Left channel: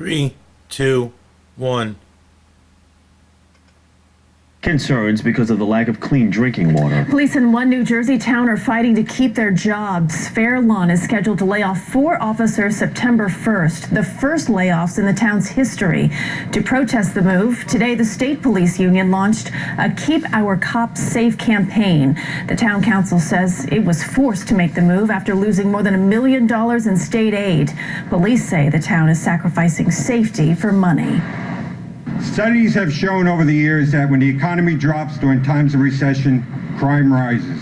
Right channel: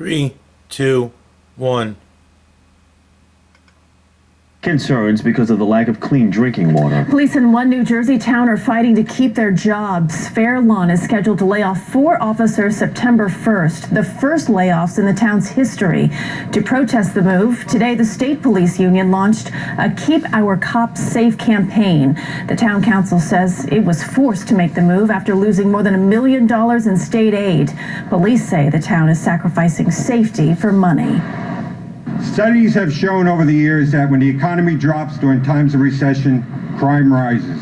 3, 2, 1. Concerns because of the lack of clean drinking water. Police in one New Jersey town are fighting to keep their jobs. Fairlawn is scheduled to lay off 4 officers September 1st, the first layoffs in the town's history. To protest the move, today the state police union launched a Keep Our Cops Safe campaign. The town council says it was forced to make the move after losing more than $1 million in state aid. Police say the town is sacrificing safety for money. Studies have shown over the years that when the economy drops during times of recession, crime rises.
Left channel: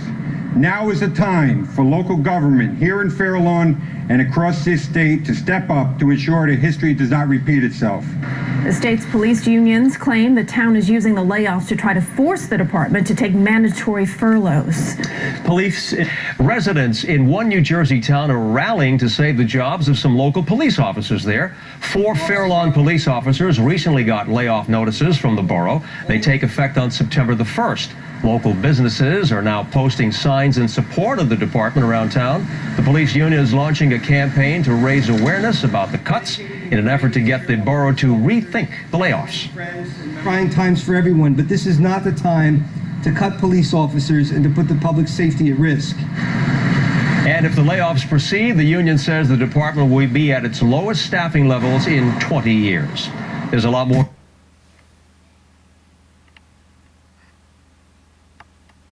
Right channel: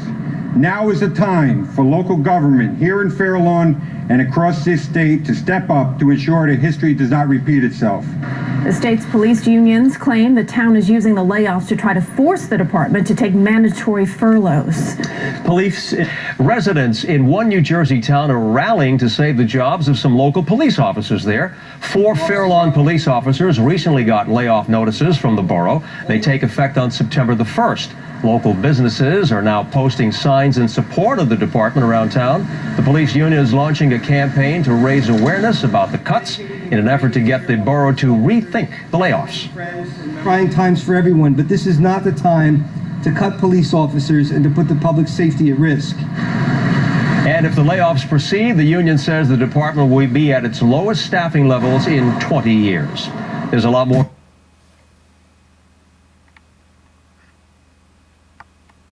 Now is the time for local government here in Fairlawn and across this state to step up to ensure that history does not repeat itself. The state's police unions claim the town is using the layoffs to try to force the department to take mandatory furloughs. Police residents in one New Jersey town are rallying to save the jobs of some local police officers there. 4 Fairlawn police officers recently got layoff notices from the borough. They take effect on September the 1st. Local businesses are now posting signs in support of the department around town. The police union is launching a campaign to raise awareness about the cuts in an effort to get the borough to rethink the layoffs. Trying times for everyone, but this is not the time to cut police officers and to put the public safety at risk. And if the layoffs proceed, the union says the department will be at its lowest staffing levels in 20 years. There's a lot more.